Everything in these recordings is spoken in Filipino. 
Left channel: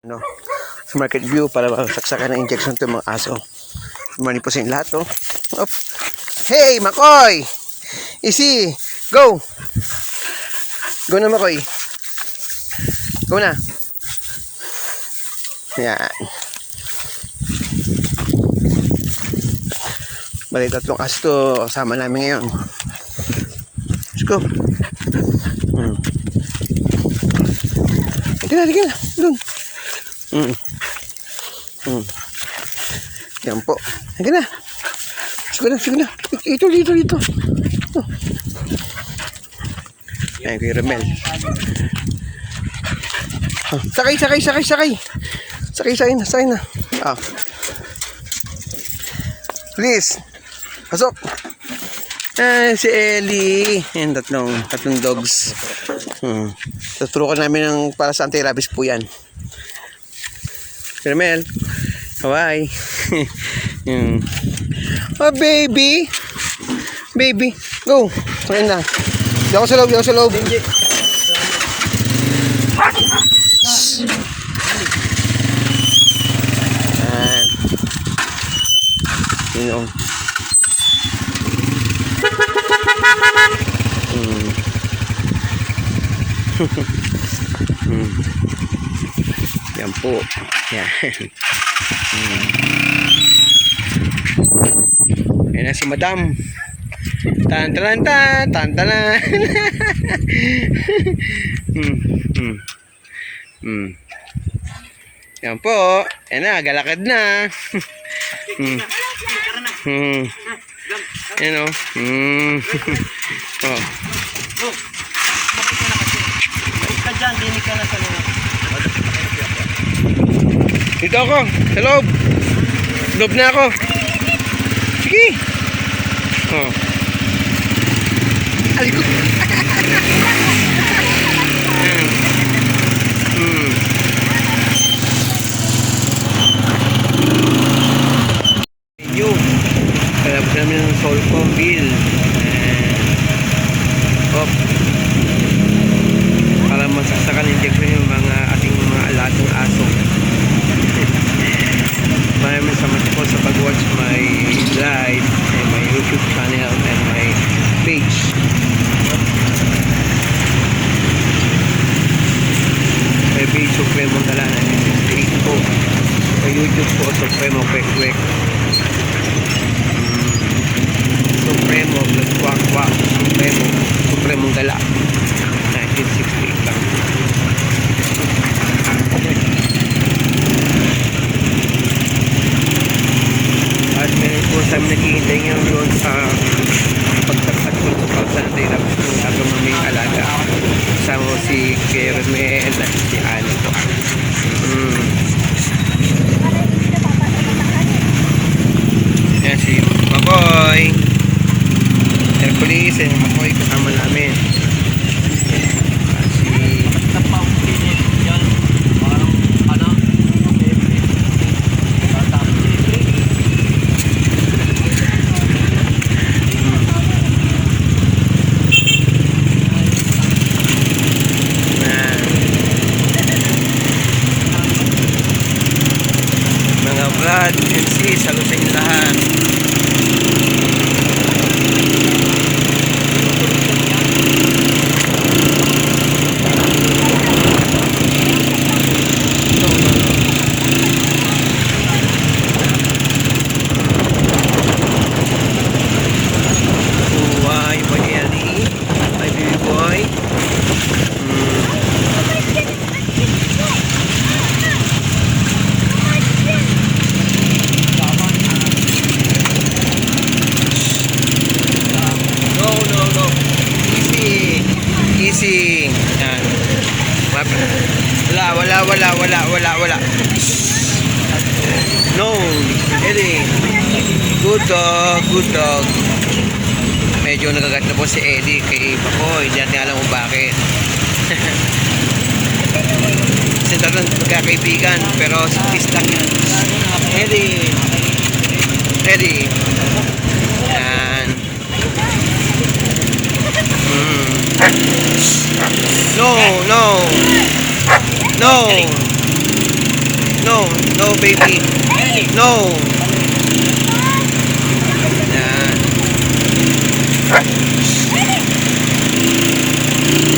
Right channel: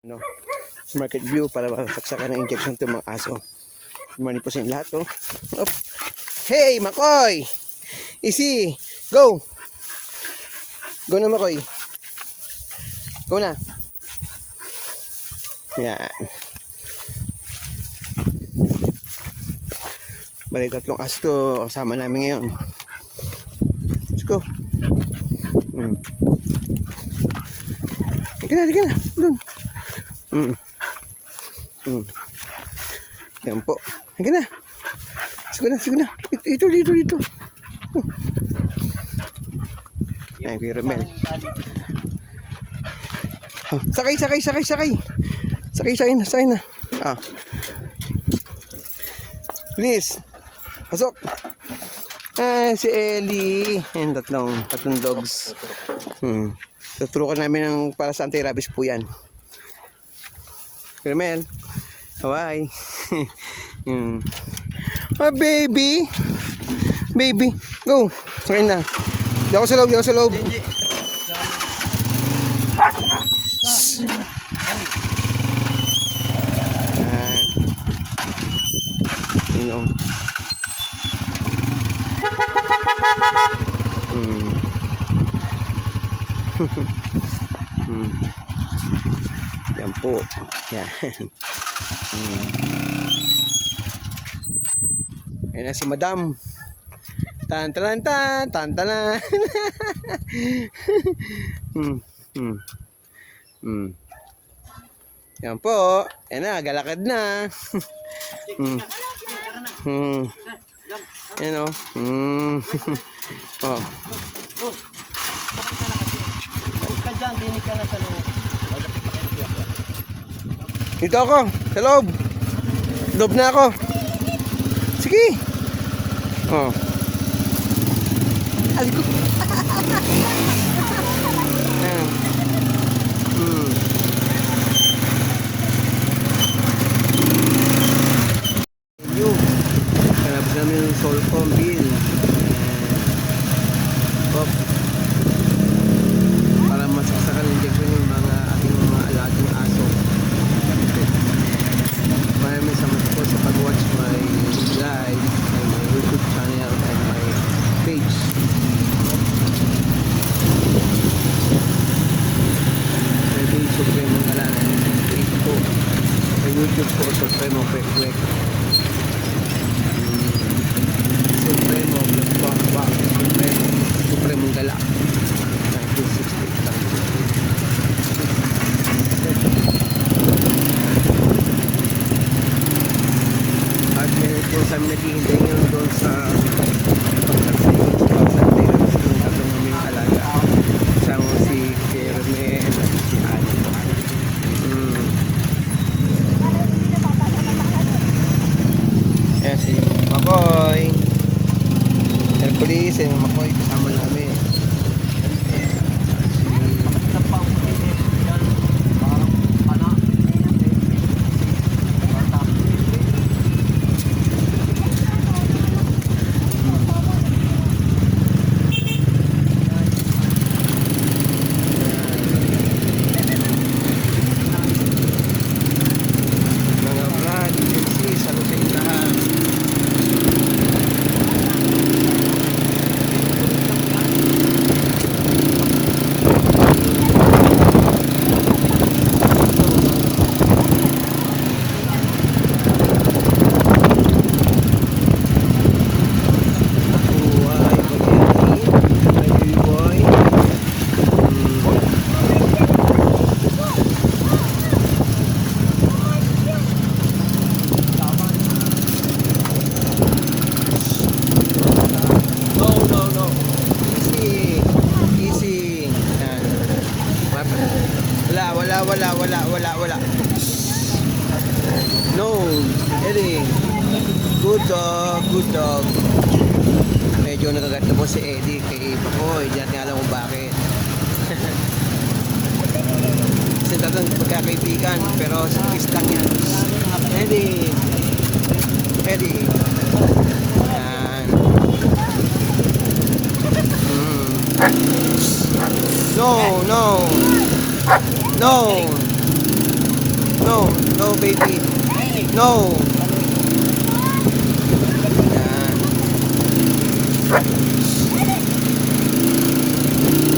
No, sa market view para saksakan ng injection to mga aso. Morning po sa inyo lahat, no? Up. Hey, Makoy! Easy! Go! Go na, Makoy. Go na. Yan. Bali, tatlong aso to kasama namin ngayon. Let's go. Sige na. Doon. Yan po. Sige na. Sige na. Dito. Oh. Ayan, Kuya Romel. Oh, sakay. Sakay na. Ah. Please. Pasok. Ah, si Ellie. Ayan, tatlong dogs. Tuturukan namin ng para sa anti-rabies po yan. Kuya Romel. Hawaii. Oh, baby. Go. Sakay na. Di ako sa loob. Yan. Yan po. Yan. Yan na si Madam. Tantalan. Yan po. Yan na, galakad na. Yan o. Oh. Dito ako. Sa loob. Loob na ako. Sige. Oh. Alikot. Wala. No, Eddie. Good dog. Medyo nagagat na po si Eddie kay Pakoy. Hindi natin alam kung bakit. Kasi talagang magkakaibigan, pero sa peace lang yan. Eddie. Yan. No. No, no baby. No. Yan.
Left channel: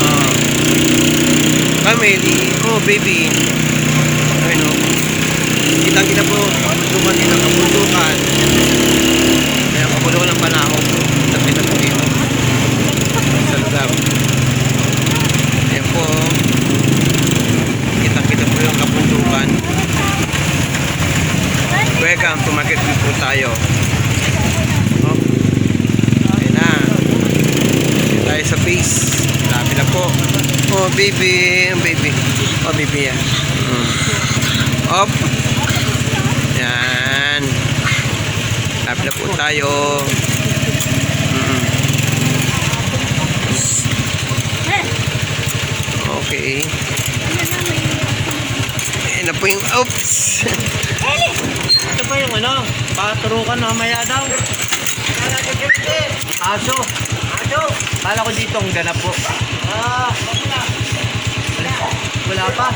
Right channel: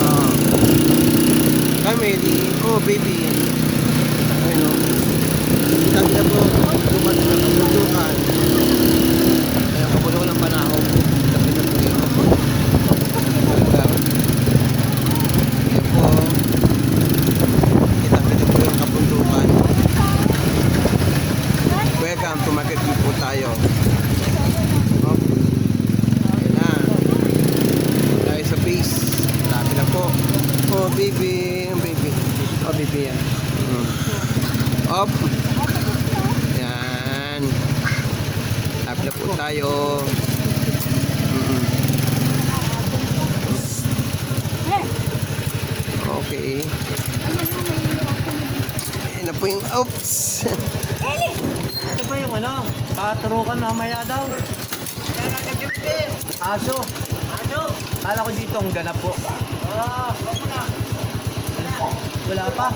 Oh. Family. Oh, baby. Ano? Kita po. Kapulukan din ang kapulukan. Kaya kapulukan ng panahon. Tapi. Ayan po. Kita po yung kapulukan. Welcome to Market View po tayo. Oh. Ayun na. Ayun tayo sa base. Dami na po. Oh, baby. Baby. Oh, baby yan. Up. Yan. Dami na po tayo. Okay. Ayun na po yung oops. Ito pa yung ano, paturukan mamaya daw. Aso. Aso. Kala ko dito ang ganap po. Wala pa.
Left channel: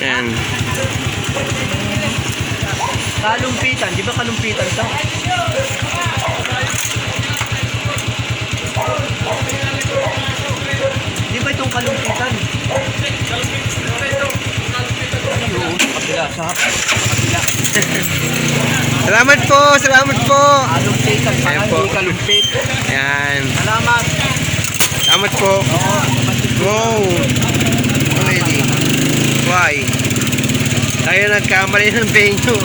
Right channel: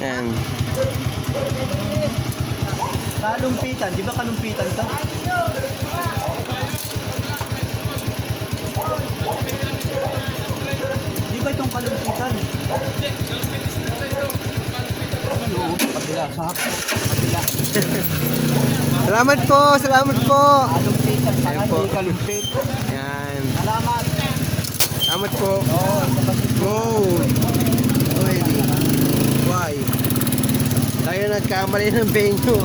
Yan. Kalumpitan, di ba kalumpitan ito? Di ba itong kalumpitan? Oo, kabila, sa hapon, kabila. Salamat po, salamat po. Kalumpitan, Ayan parang po. hindi kalumpit. Yan. Salamat. Salamat po. Oo, Wow. Really? Why? Tayo nagkamali ng venue.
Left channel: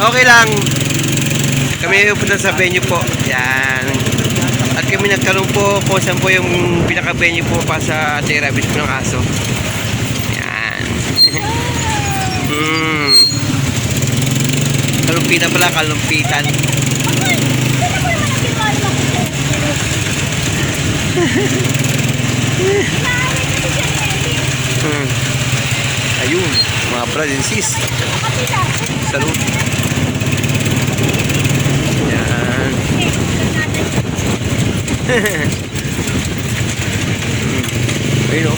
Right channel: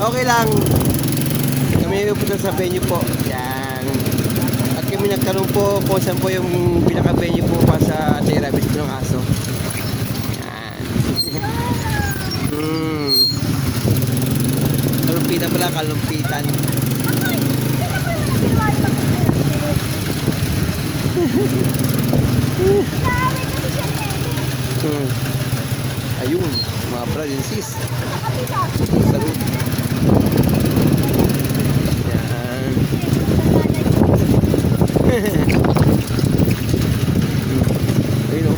Okay lang. Kami pupunta sa venue po. Yan. At kami nagtanong po kung saan po yung pinaka-venue po pa sa Rabbit po ng aso. Yan. Kalumpitan pala, kalumpitan. Ayun, mga brad and sis. Salud. Yan. Ayun o.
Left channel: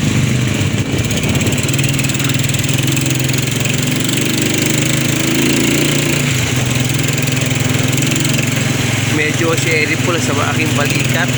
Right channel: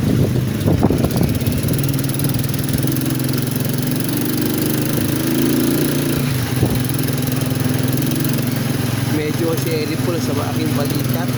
Medyo si Eric po sa aking balikat.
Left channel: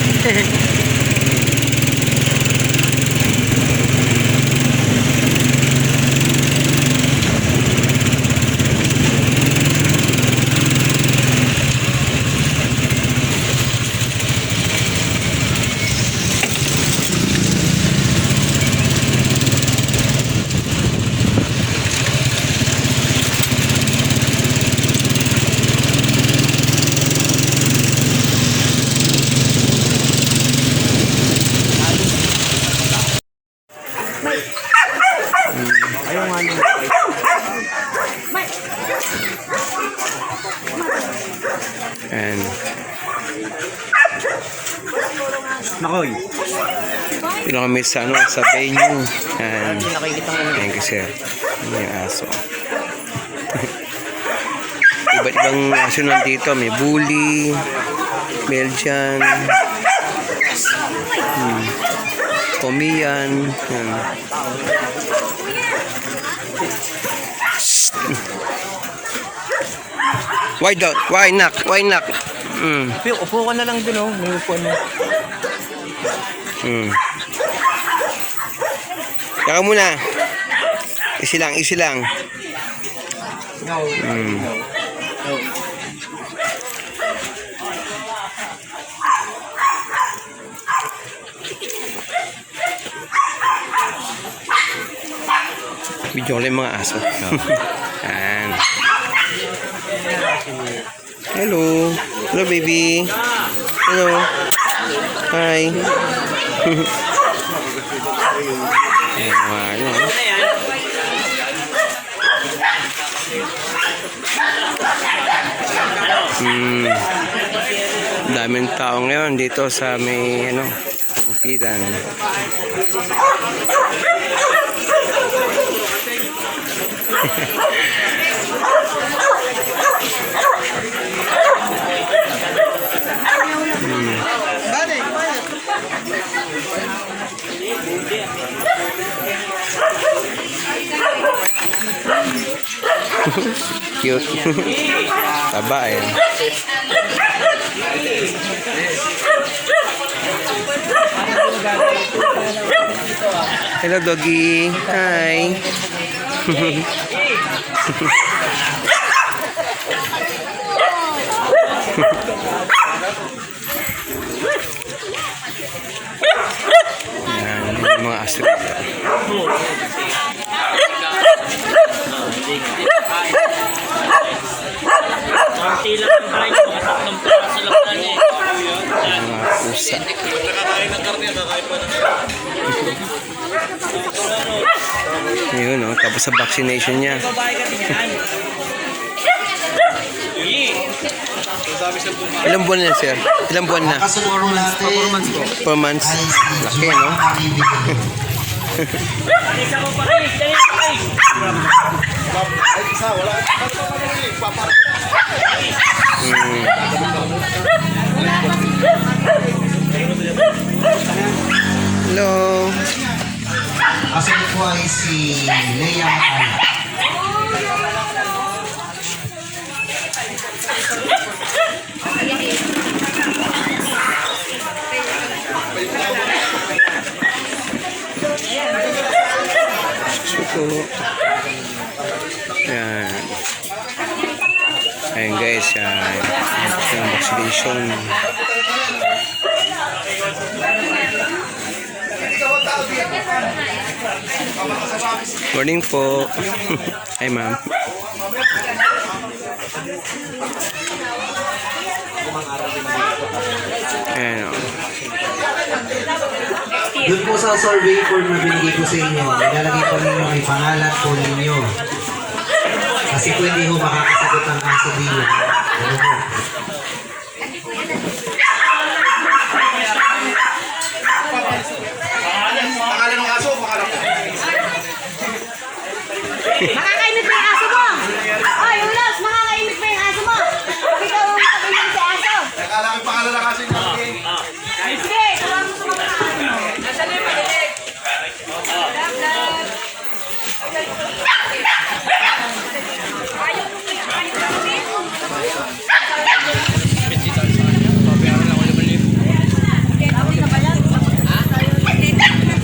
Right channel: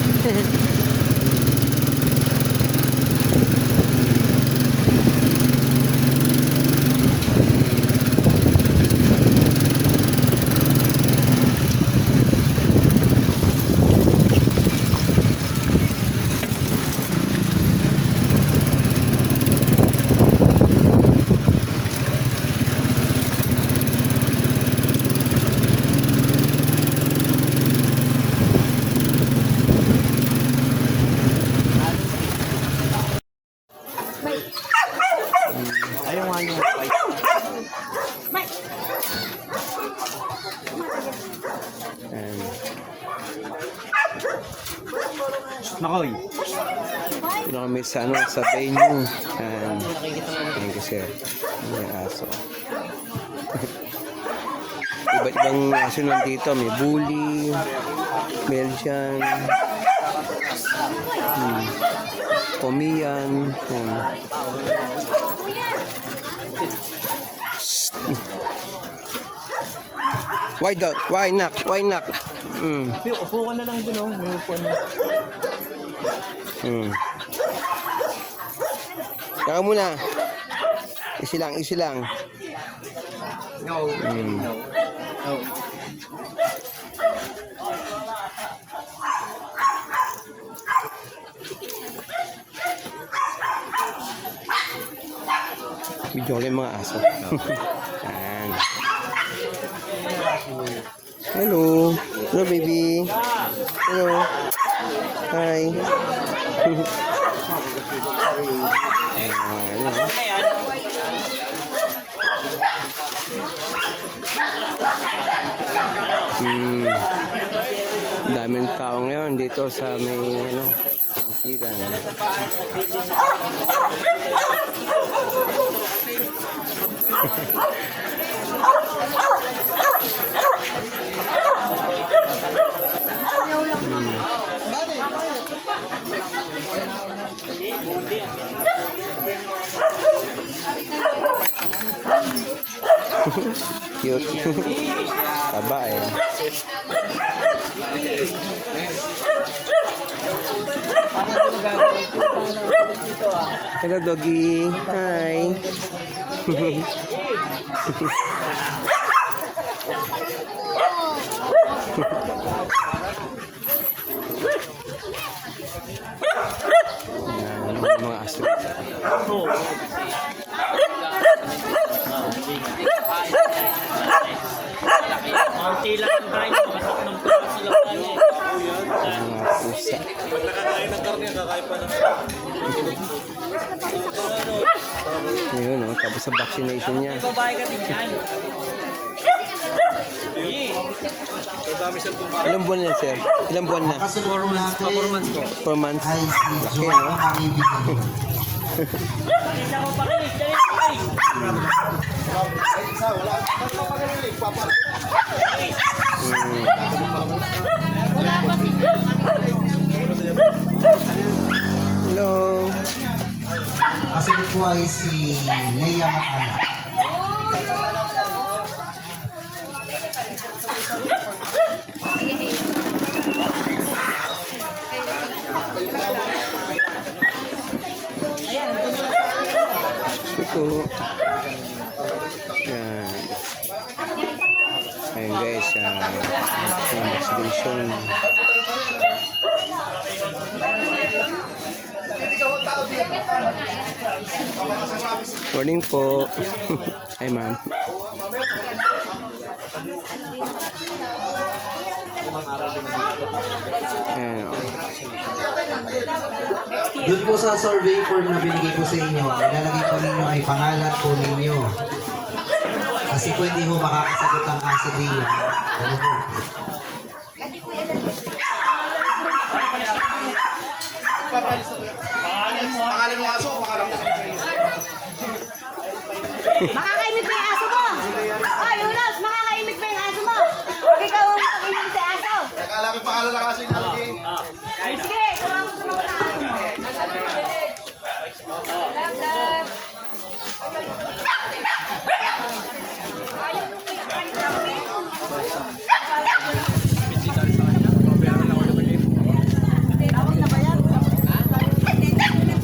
ayaw nga nung And Makoy. pino kami sa ano, sa venue. And Nakikita mo thank you sir. Ano yung aso? Iba't ibang aso nandito. May bully, Belgian, Pomeranian. Why not? Why not? Why not? Upo ka na lang dun, oh. May upo na. Kaka muna. Easy lang, easy lang. Video ko lang yung mga aso. Yan. Hello. Hello, baby. Hello. Hi. Ayan, ano. Daming tao ngayon dito sa may ano, Kapitan. Cute. Babae. Hello, doggy. Hi. Yan, yung mga aso dito. Konti lang ang blind, mga tatlong piraso lang yan eh. Mga pusa. Yun, oh, tapos sa vaccination niya. Babae ka din yan. Ilang buwan na, sir? Ilang buwan na? Performance ko. 4 months. Laki, no? Isa ko pa rin, dali pa rin. Hello. Kasunod po ay si Leia Matala. Yan. Ayan guys, yan. Yung vaccination. Morning po. Hi ma'am. Ayan o. Doon po sa survey form na binigay ko sa inyo, ilalagay po ninyo may pangalan po ninyo. Kasi po hindi ho makakasagot ang kaso ninyo. Ano po? Makakaimik mo yung aso mo! Oy, Ulos! Makakaimik mo yung aso mo! Pag ikaw ang makakaimik sa aso! Akala ko pangalan ng kasing Sige, turuan mo sumagot ang aso mo.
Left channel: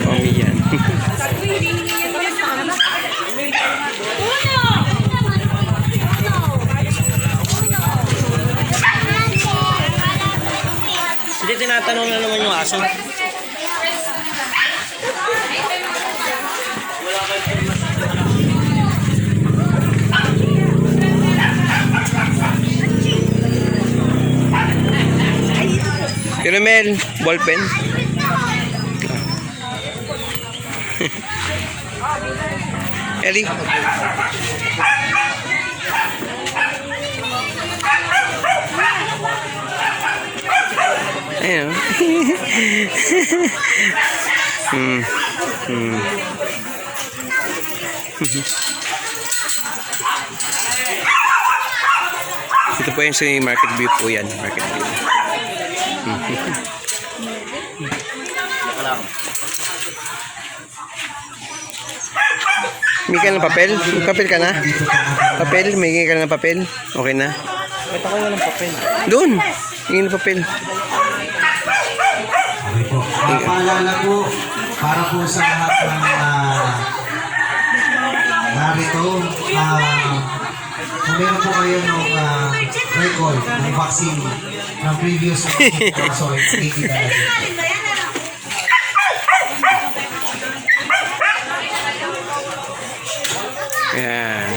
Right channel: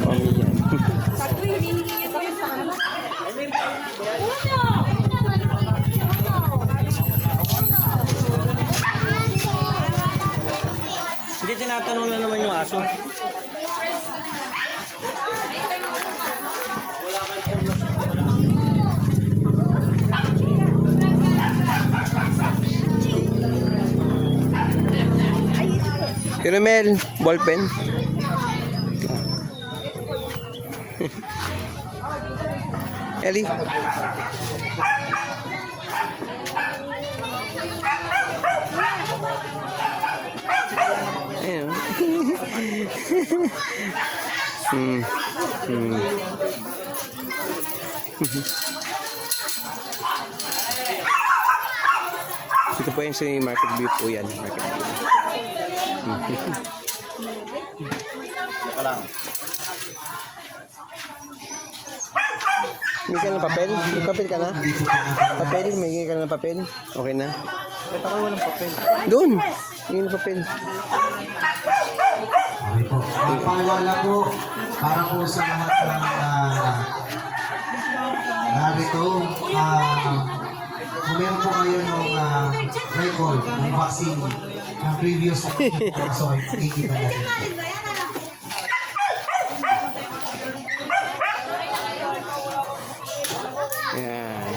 Mami yan. Hindi tinatanong na naman yung aso. Caramel, ballpen. Ellie. Ayan. Ito po yung si Market View po yan. Market View. May ka ng papel? May papel ka na? Papel? May ka ng papel? Okay na? Ba't ako walang papel? Doon! May ng papel. Okay po. Paalala po, para po sa lahat ng narito, kung meron po kayo ng record ng vaccine ng previous so, 80 na natin. Ayan.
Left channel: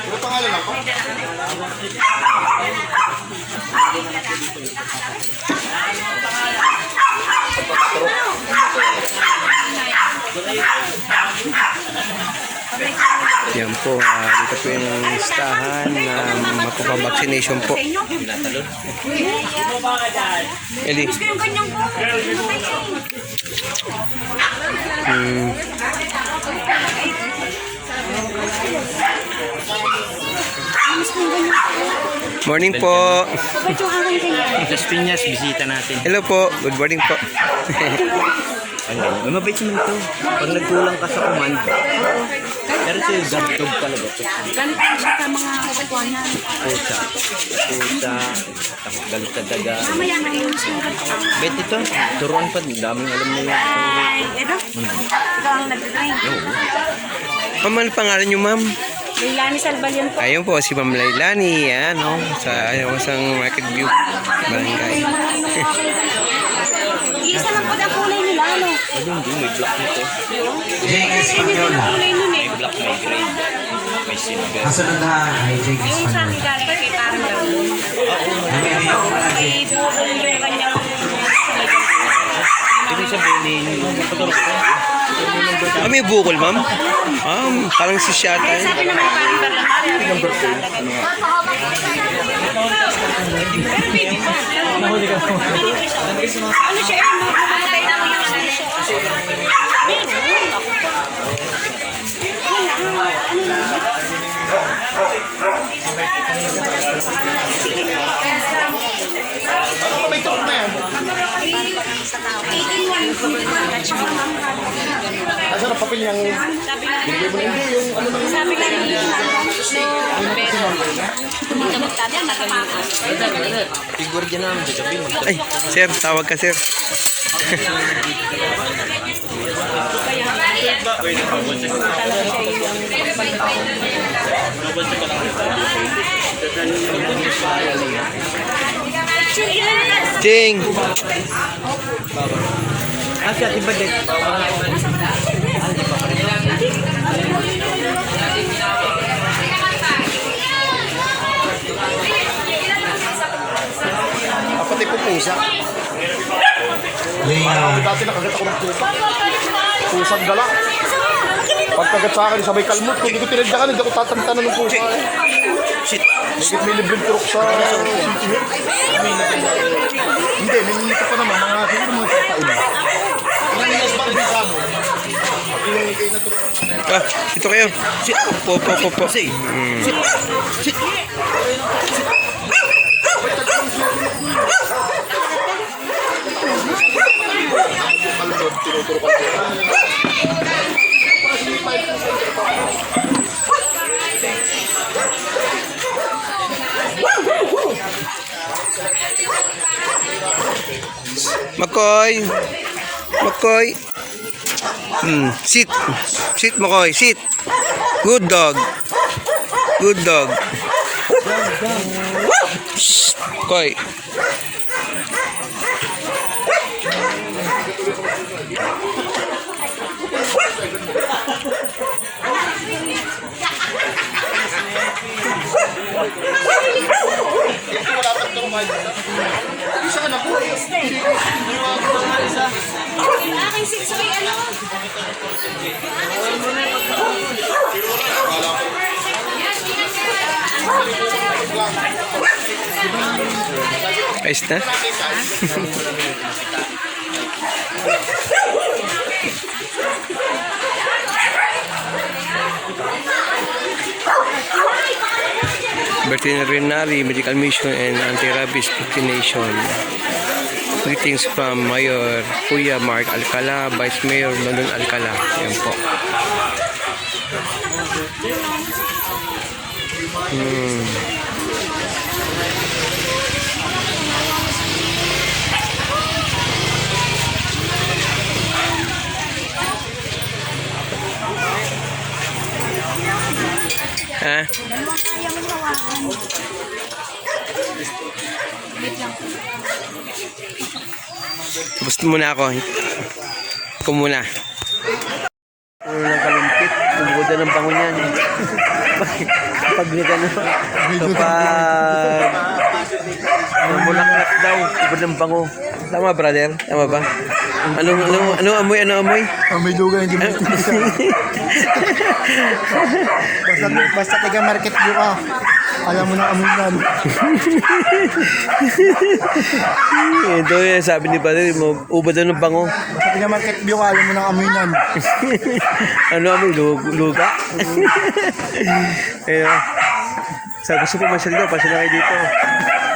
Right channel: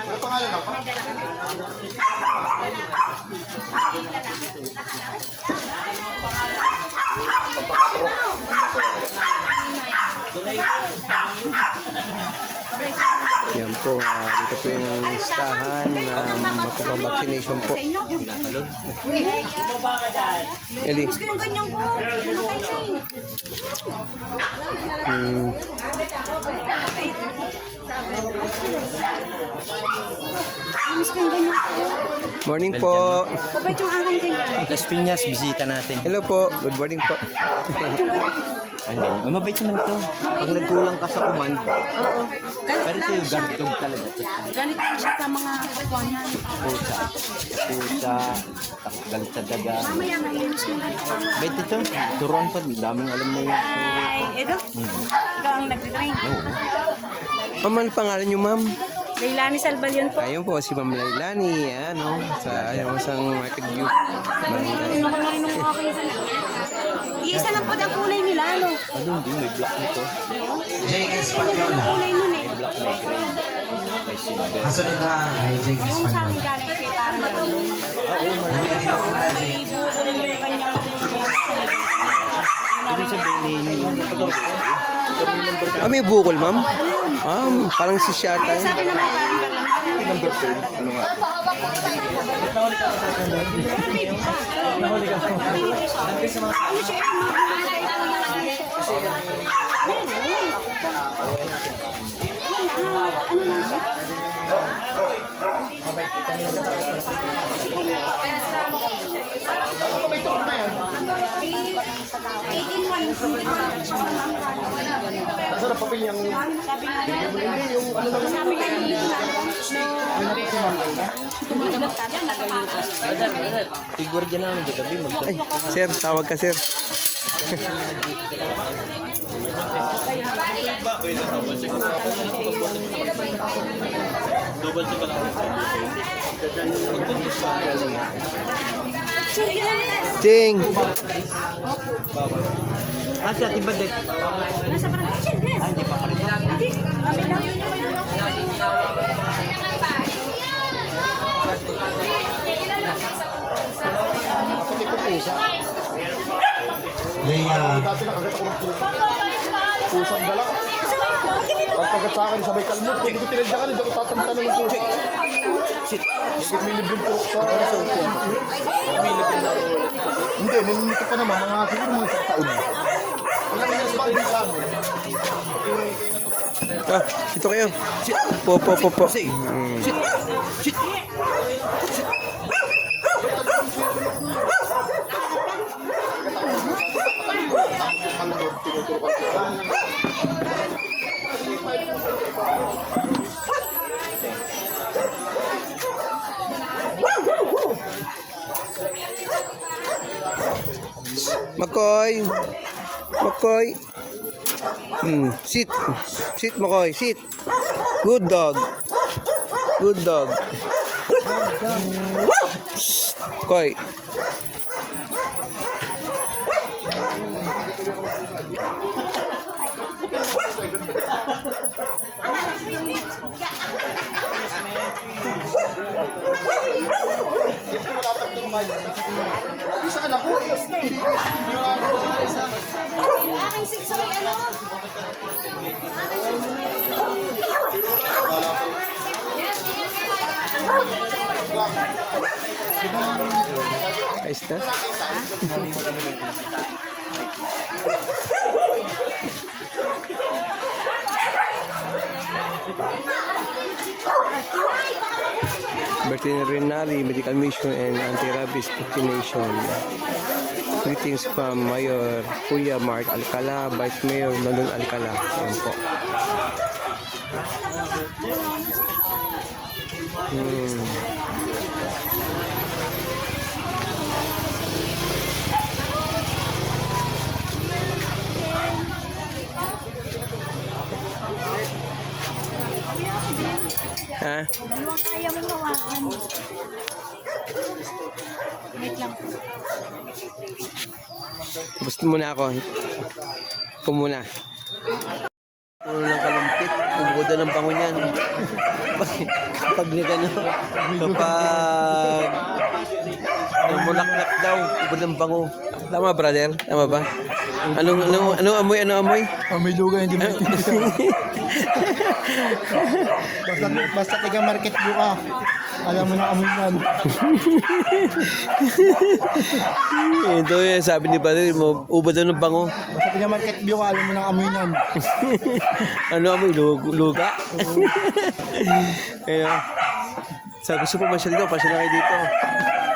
Ano pangalan ako? Yan po, dito po yung listahan na magpapavaccination po. Hindi. Gusto yung ganyan ko. Morning po. Kapag yung aking ganyan. Las Piñas, bisita natin. Hello po. Good morning po. Ay, mabait naman ito. Pag nagkulang ka sa command. Pero siya gantog talaga. Ganito ko siya sa mga kukuhanan. Pusa. Pusa. Tapos galit sa daga. Mamaya nga yun. Bait ito. Turuan pa. Daming alam na yun. Ay, ito. Ikaw ang nag-design. Ma'am, ano pangalan niyo, ma'am? Lailani Salbalyon po. Ayun po, si Ma'am Lailani. Yan, no? Sa isang Market View. Barangay. Isa lang po na kulay nila, ano? Ano, hindi. May black nito. Jake Espanola. Kulay nun eh. Black, may green. May silver. Kasunod na ay Jake Yung sa amin Espanola. galing kay parang gano'n. Namili ako na May buko yung kanyang Ibig sabihin, patulog ko. Ah, may bukol, ma'am? Ah, parang si Shata. Nasa na papel yung... Binigay mo na hindi yung ano nang... sabi ka niya. Figure dyan namin. Sabihin. Ay, sir, tawag ka, sir. Jing! Kasi ati ba din? Ah, di pa pa rin. Pati po pusa. Leah. Dati nakagat ako ng pusa. Pusang gala. Pagkagat sa akin, sabay kalmot. Kung hindi ko tinadyakan, hindi ako tatantanan ng pusa. Shit. Higit may libreng turok sa City Hill. Hindi, nanginito pa naman. Mga siguro mga taon na. Ilang mas ba din sa amin? Ilang kayo na turok. Ah, ito kayo. Shit. Po. Shit. Shit. Makoy! Makoy! Sit! Sit, Makoy! Sit! Good dog! Good dog! Shh! Makoy! Isa anak ko. Aking siksoy, ano? Ayos na? Veterinary Medical Mission and Anti-Rabies Vaccination. Greetings from Mayor Kuya Mark Alcala, Vice Mayor Nandun Alcala. Yan po. Ha? Gusto muna ako. Ako muna. Ano ng kalumpit? Umuda ng bango niyan. Kapag nika na. Kapag mulaklak daw. Ubod ng bango. Tama, brother? Tama ba? Ano amoy? Ano amoy? May lugar hindi mo. Basta taga Market View ka. Alam mo na amoy yan. Ito yan, sabi ni Padre, ubod daw ng bango. Sabi niya market view ka, alam mo na amoy yan. Ano amoy? Luga? Ayun. Sa gusto po masyal daw, pasya na kayo dito.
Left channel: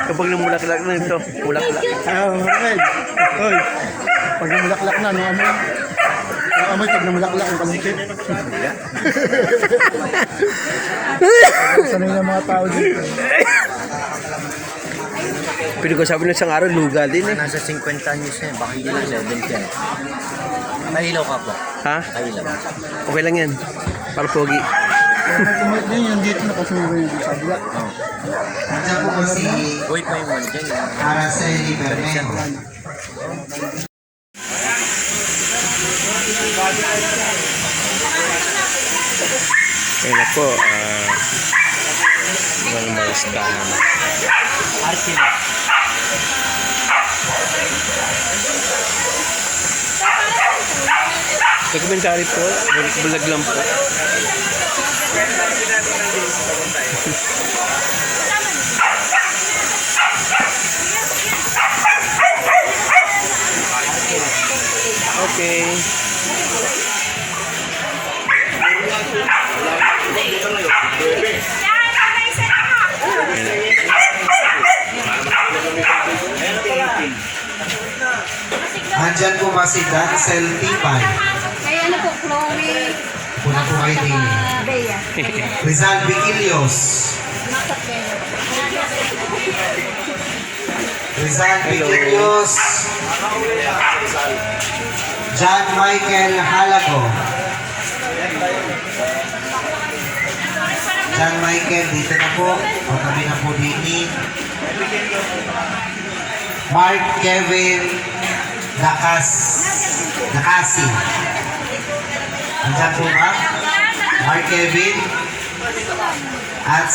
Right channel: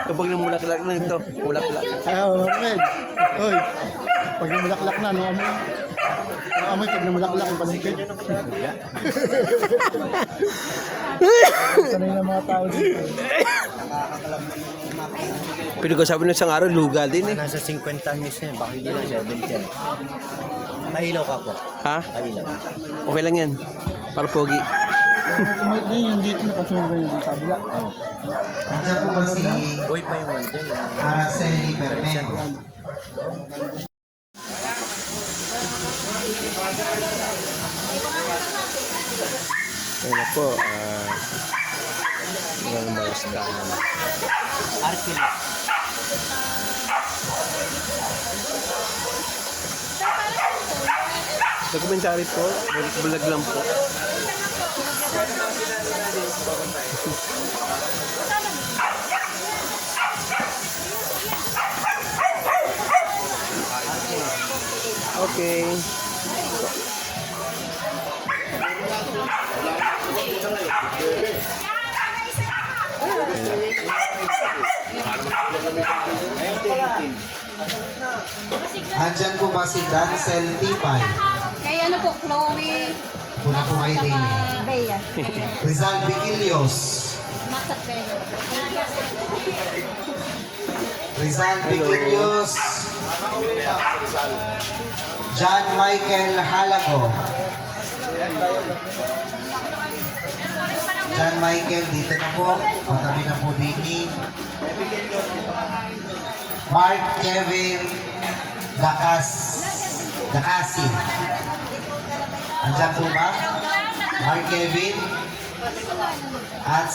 Kapag namulaklak na ito, mulaklak. Red. Hoy. Pag namulaklak na, ano amoy? Ano amoy pag namulaklak ang palintik? Sanay na mga tao dito. Pinag-usapan ng isang araw, luga din eh. Nasa 50 anyos na, baka hindi na 70. Nailaw ka po. Ha? Nailaw. Okay lang yan. Para pogi. Tumit din yung dito na kasi may sa kabila. Nandiyan po si Wait mo yung one dyan. Araceli Bermejo. Ayun na po. Mga listahan. Arkin. Dokumentary po. Bulag lang po. Okay. Nandiyan po ba si Dancel Tipan? Kaya ano po, Chloe. Una po kayo din. Bea. Rizal Viquilios. Makat Bea. Rizal Viquilios. John Michael Halago. John Michael, dito na po. Pagkabi na po din. Mark Kevin Dakasi. Nandiyan po ba? Mark Kevin at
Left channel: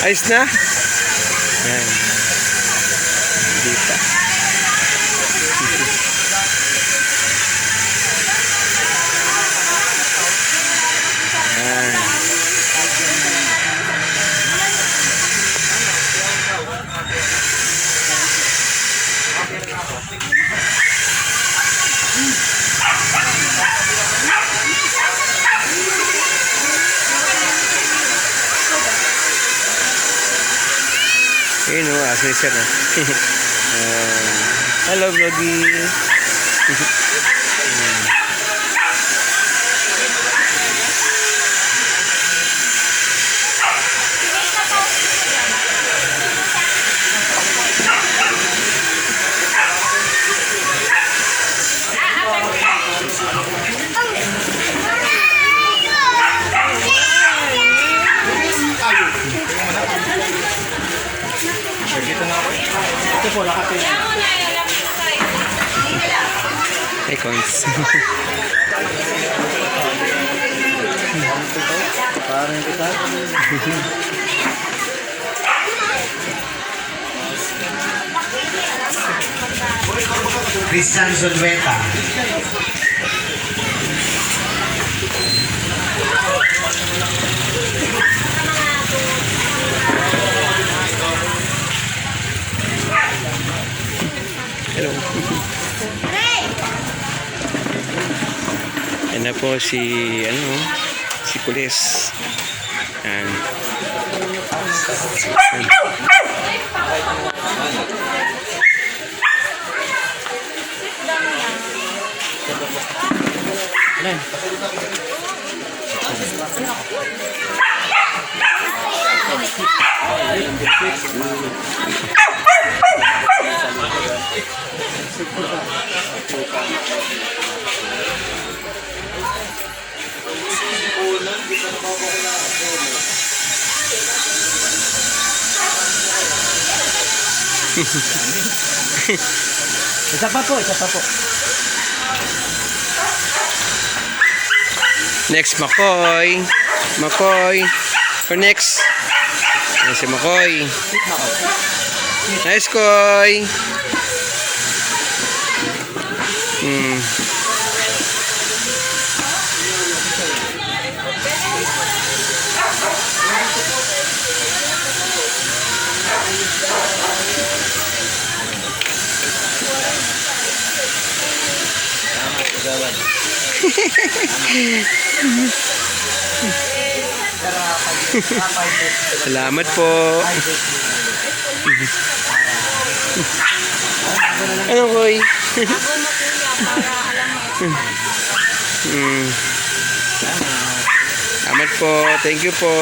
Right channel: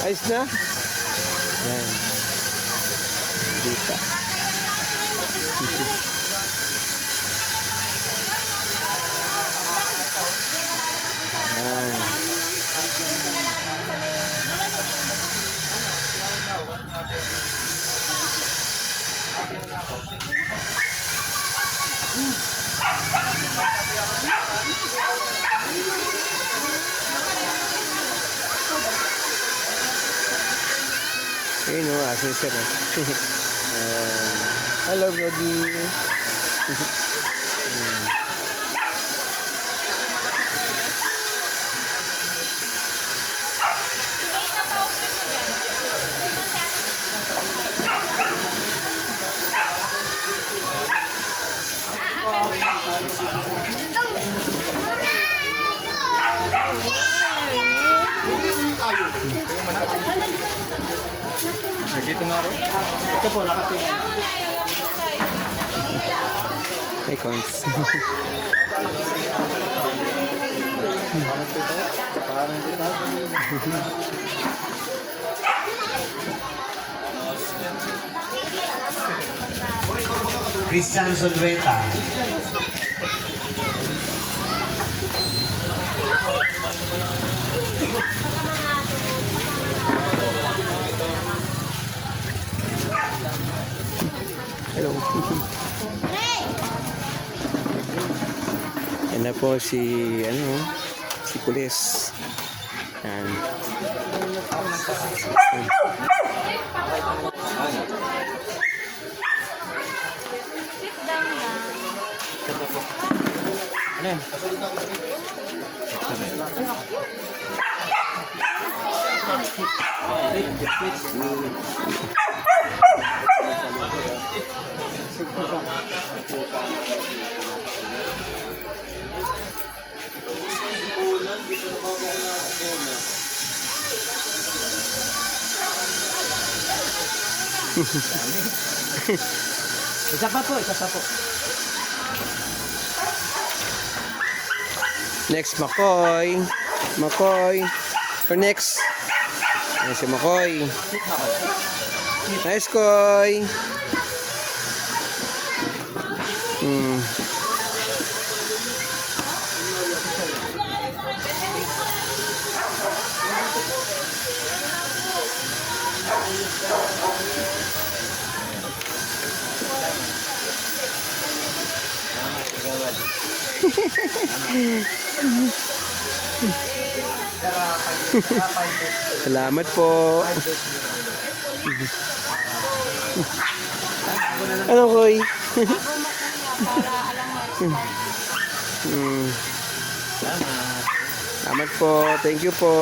Ayos na? Ayan. Dito. Ayun o, asesor na. Hello, Vloggy. Ito po, nakatin. Icons. Parang ito. Christian Zunweta. Yan na po si, si Pulis. Yan. Isa pa po, isa pa po. Next, Makoy. Makoy. Or next. Ayan si Makoy. Nice, Koy. Salamat po. Ano, Koy? Salamat po. Thank you po.